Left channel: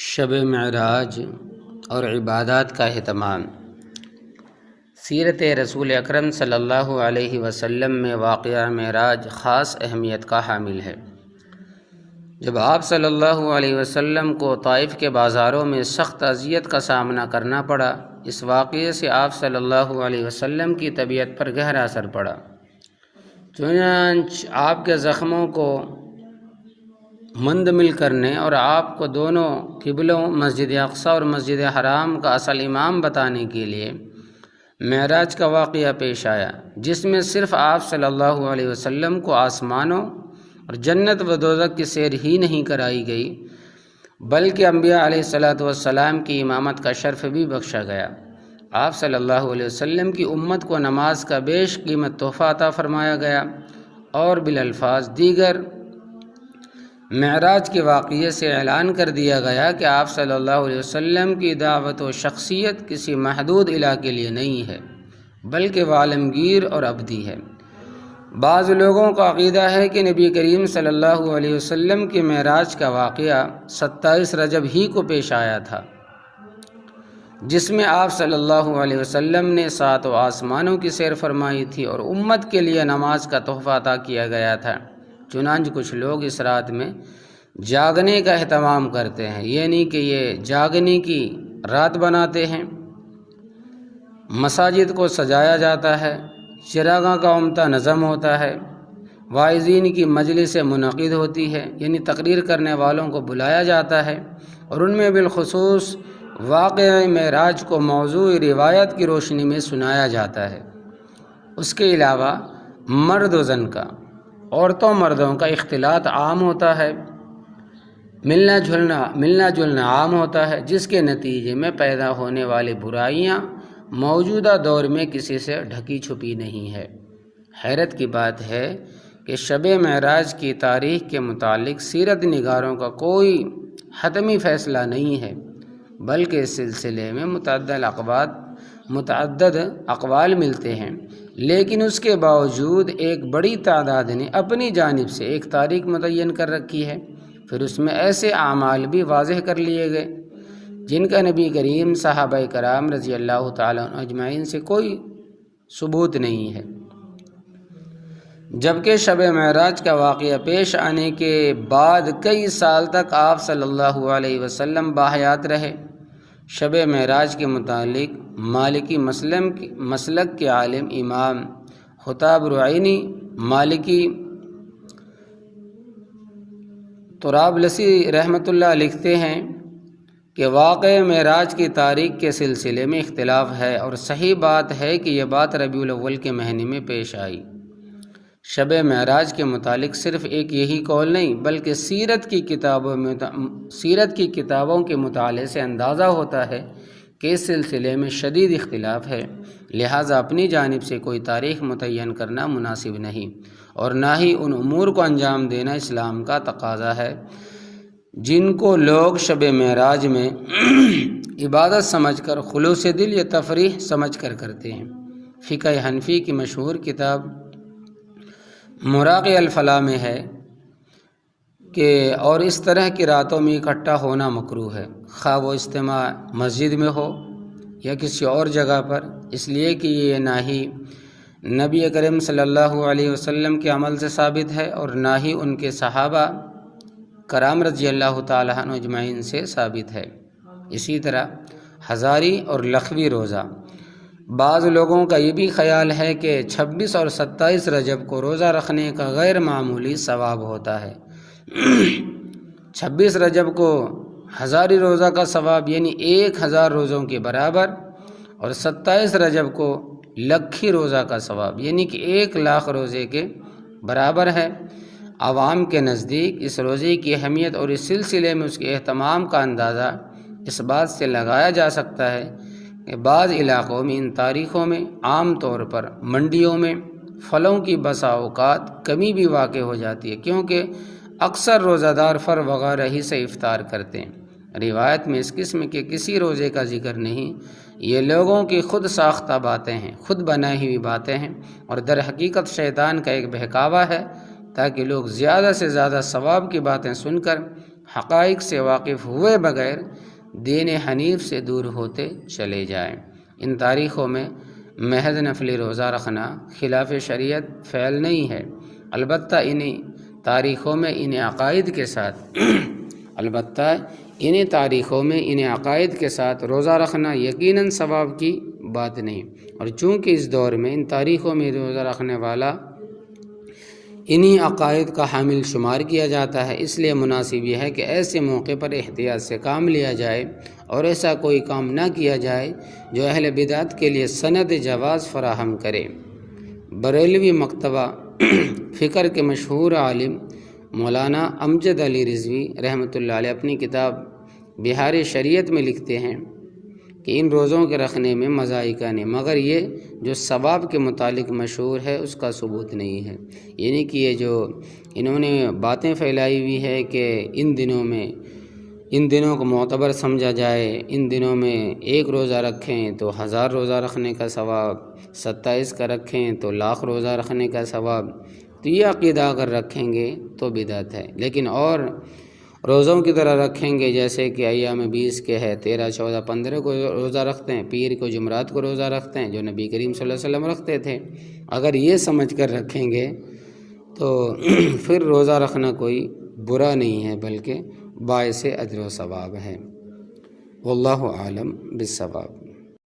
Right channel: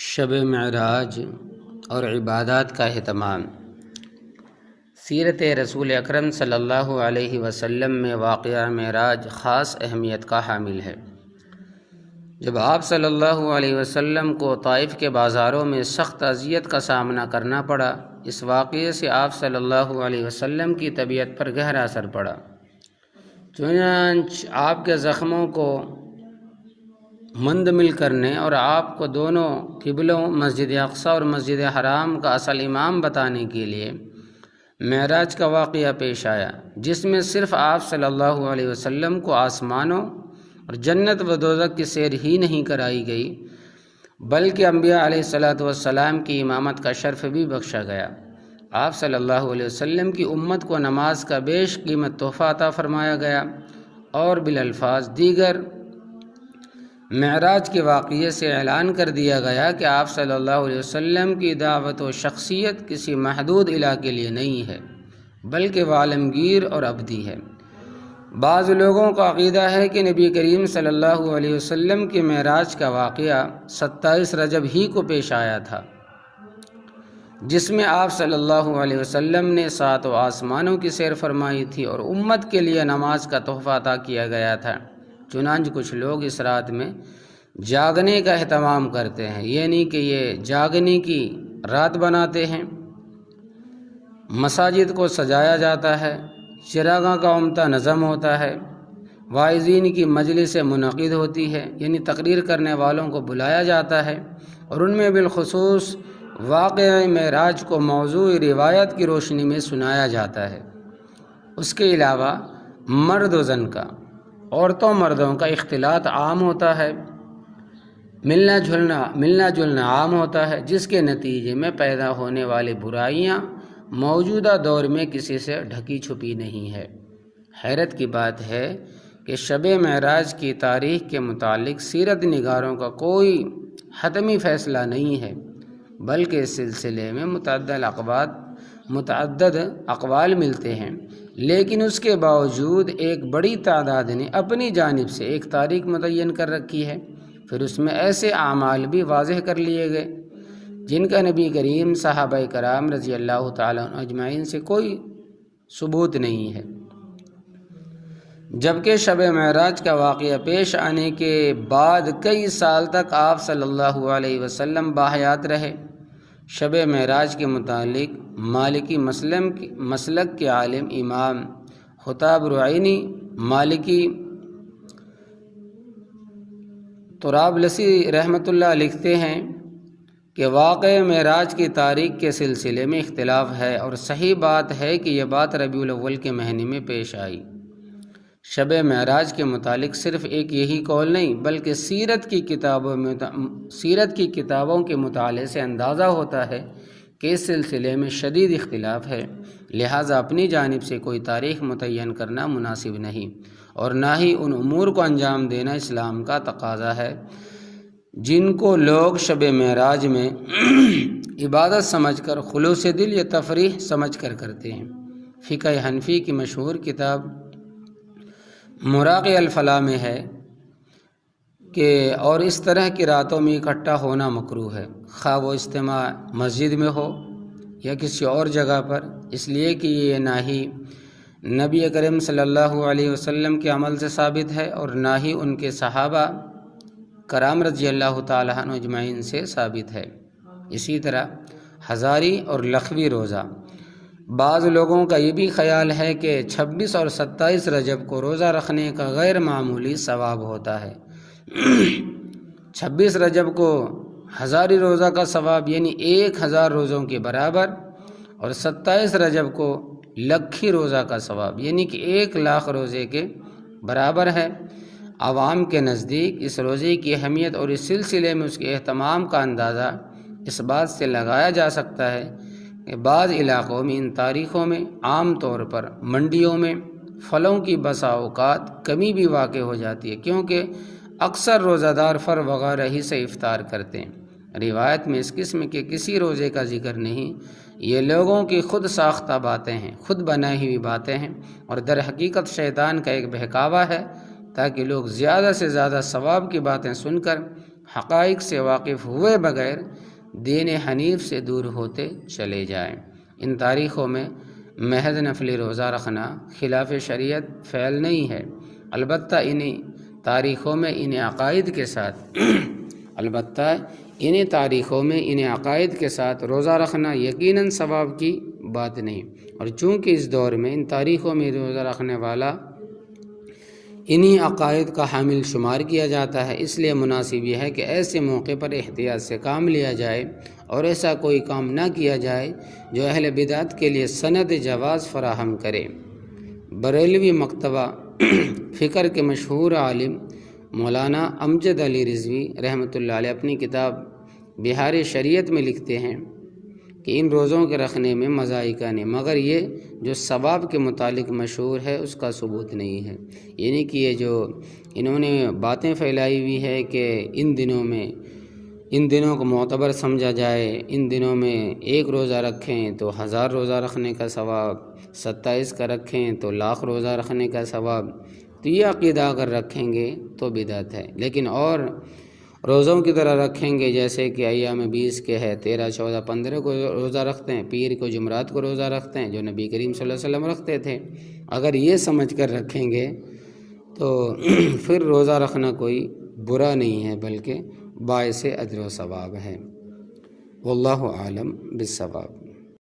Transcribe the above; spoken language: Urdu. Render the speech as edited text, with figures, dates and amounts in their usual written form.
شب معراج اور عبادات کا اہتمام۔ سیرت رسول اکرم صلی اللہ علیہ وسلم میں واقعہ معراج خاص اہمیت کا حامل ہے۔ جب آپ صلی اللہ علیہ وسلم کو طائف کے بازاروں میں سخت اذیت کا سامنا کرنا پڑا، اس واقعے سے آپ صلی اللہ علیہ وسلم کی طبیعت پر گہرا اثر پڑا۔ چنانچہ آپ کے زخموں کو مندمل کرنے اور آپ کو دونوں قبلوں مسجد اقصی اور مسجد حرام کا اصل امام بتانے کے لیے معراج کا واقعہ پیش آیا، جس میں صرف آپ صلی اللہ علیہ وسلم کو آسمانوں اور جنت و دوزخ کی سیر ہی نہیں کرائی گئی، بلکہ انبیاء علیہ الصلاۃ والسلام کی امامت کا شرف بھی بخشا گیا۔ آپ صلی اللہ علیہ وسلم کی امت کو نماز کا بیش قیمت تحفہ عطا فرمایا گیا اور بالالفاظ دیگر معراج کے واقعے سے اعلان کر دیا گیا کہ آپ صلی اللہ علیہ وسلم کی دعوت و شخصیت کسی محدود علاقے کے لیے نہیں ہے، بلکہ وہ عالمگیر اور ابدی ہے۔ بعض لوگوں کا عقیدہ ہے کہ نبی کریم صلی اللہ علیہ وسلم کے معراج کا واقعہ 27 رجب ہی کو پیش آیا تھا، جس میں آپ صلی اللہ علیہ وسلم نے 7 آسمانوں کی سیر فرمائی تھی اور امت کے لیے نماز کا تحفہ عطا کیا گیا تھا۔ چنانچہ کچھ لوگ اس رات میں جاگنے کا اہتمام کرتے ہیں، یعنی کہ یہ جاگنے کی رات بناتے ہیں۔ مساجد کو سجایا جاتا ہے، چراغاں کا عمدہ نظم ہوتا ہے، واعظین کی مجلسیں منعقد ہوتی ہے، یعنی تقریر کرنے والوں کو بلایا جاتا ہے، اور ان میں بالخصوص واقعہ معراج کو موضوع روایت کی روشنی میں سنایا جاتا ہے۔ اس کے علاوہ مرد و زن کا، عورتوں مردوں کا اختلاط عام ہوتا ہے، ملنا جلنا عام ہوتا ہے، جس کے نتیجے میں پیدا ہونے والی برائیاں موجودہ دور میں کسی سے ڈھکی چھپی نہیں ہے۔ حیرت کی بات ہے کہ شب معراج کی تاریخ کے متعلق سیرت نگاروں کا کوئی حتمی فیصلہ نہیں ہے، بلکہ اس سلسلے میں متعدد اقوال ملتے ہیں، لیکن اس کے باوجود ایک بڑی تعداد نے اپنی جانب سے ایک تاریخ متعین کر رکھی ہے۔ پھر اس میں ایسے اعمال بھی واضح کر لیے گئے جن کا نبی کریم، صحابہ کرام رضی اللہ تعالیٰ عنہ اجمعین سے کوئی ثبوت نہیں ہے۔ جبکہ شب معراج کا واقعہ پیش آنے کے بعد کئی سال تک آپ صلی اللہ علیہ وسلم باحیات رہے۔ شب معراج کے متعلق مالکی مسلک کے عالم امام خطاب رعینی مالکی طرابلسی رحمۃ اللہ لکھتے ہیں کہ واقع معراج کی تاریخ کے سلسلے میں اختلاف ہے، اور صحیح بات ہے کہ یہ بات ربیع الاول کے مہینے میں پیش آئی۔ شب معراج کے متعلق صرف ایک یہی قول نہیں، بلکہ سیرت کی کتابوں کے مطالعے سے اندازہ ہوتا ہے کہ اس سلسلے میں شدید اختلاف ہے، لہٰذا اپنی جانب سے کوئی تاریخ متعین کرنا مناسب نہیں، اور نہ ہی ان امور کو انجام دینا اسلام کا تقاضا ہے جن کو لوگ شب معراج میں عبادت سمجھ کر، خلوص دل یا تفریح سمجھ کر کرتے ہیں۔ فقہ حنفی کی مشہور کتاب مراقِ الفلاح میں ہے کہ اور اس طرح کی راتوں میں اکٹھا ہونا مکروہ ہے، خواہ وہ اجتماع مسجد میں ہو یا کسی اور جگہ پر، اس لیے کہ یہ نہ ہی نبی کریم صلی اللہ علیہ وسلم کے عمل سے ثابت ہے اور نہ ہی ان کے صحابہ کرام رضی اللہ تعالیٰ عنہ اجمعین سے ثابت ہے۔ اسی طرح ہزاری اور لخوی روزہ، بعض لوگوں کا یہ بھی خیال ہے کہ 26 اور 27 رجب کو روزہ رکھنے کا غیر معمولی ثواب ہوتا ہے۔ 26 رجب کو ہزاری روزہ کا ثواب یعنی 1000 روزوں کے برابر، اور 27 رجب کو لکھی روزہ کا ثواب یعنی کہ 1,00,000 روزے کے برابر ہے۔ عوام کے نزدیک اس روزے کی اہمیت اور اس سلسلے میں اس کے اہتمام کا اندازہ اس بات سے لگایا جا سکتا ہے کہ بعض علاقوں میں ان تاریخوں میں عام طور پر منڈیوں میں پھلوں کی بسا اوقات کمی بھی واقع ہو جاتی ہے، کیونکہ اکثر روزہ دار فر وغیرہ ہی سے افطار کرتے ہیں۔ روایت میں اس قسم کے کسی روزے کا ذکر نہیں، یہ لوگوں کی خود ساختہ باتیں ہیں، خود بنائی ہوئی باتیں ہیں، اور در حقیقت شیطان کا ایک بہکاوا ہے تاکہ لوگ زیادہ سے زیادہ ثواب کی باتیں سن کر حقائق سے واقف ہوئے بغیر دین حنیف سے دور ہوتے چلے جائیں۔ ان تاریخوں میں محض نفلی روزہ رکھنا خلاف شریعت فعل نہیں ہے، البتہ انہیں تاریخوں میں ان عقائد کے ساتھ روزہ رکھنا یقیناً ثواب کی بات نہیں، اور چونکہ اس دور میں ان تاریخوں میں روزہ رکھنے والا انہی عقائد کا حامل شمار کیا جاتا ہے، اس لیے مناسب یہ ہے کہ ایسے موقع پر احتیاط سے کام لیا جائے اور ایسا کوئی کام نہ کیا جائے جو اہل بدعت کے لیے سند جواز فراہم کرے۔ بریلوی مکتبہ فکر کے مشہور عالم مولانا امجد علی رضوی رحمۃ اللہ علیہ اپنی کتاب بہار شریعت میں لکھتے ہیں کہ ان روزوں کے رکھنے میں مذائقہ نہیں، مگر یہ جو ثواب کے متعلق مشہور ہے اس کا ثبوت نہیں ہے، یعنی کہ یہ جو انہوں نے باتیں پھیلائی ہوئی ہے کہ ان دنوں کو معتبر سمجھا جائے، ان دنوں میں 1 روزہ رکھیں تو 1000 روزہ رکھنے کا ثواب، 27 کا رکھیں تو 1,00,000 روزہ رکھنے کا ثواب، تو یہ عقیدہ اگر رکھیں گے تو بدعت ہے۔ لیکن اور روزوں کی طرح رکھیں گے جیسے کہ ایام 20 کے ہے، 13، 14، 15 کو روزہ رکھتے ہیں، پیر کو جمعرات کو روزہ رکھتے ہیں جو نبی کریم صلی اللہ علیہ وسلم رکھتے تھے، اگر یہ سمجھ کر رکھیں گے تو پھر روزہ رکھنا کوئی برا نہیں ہے بلکہ باعث اجر و ثواب ہے۔ واللہ اعلم بالصواب۔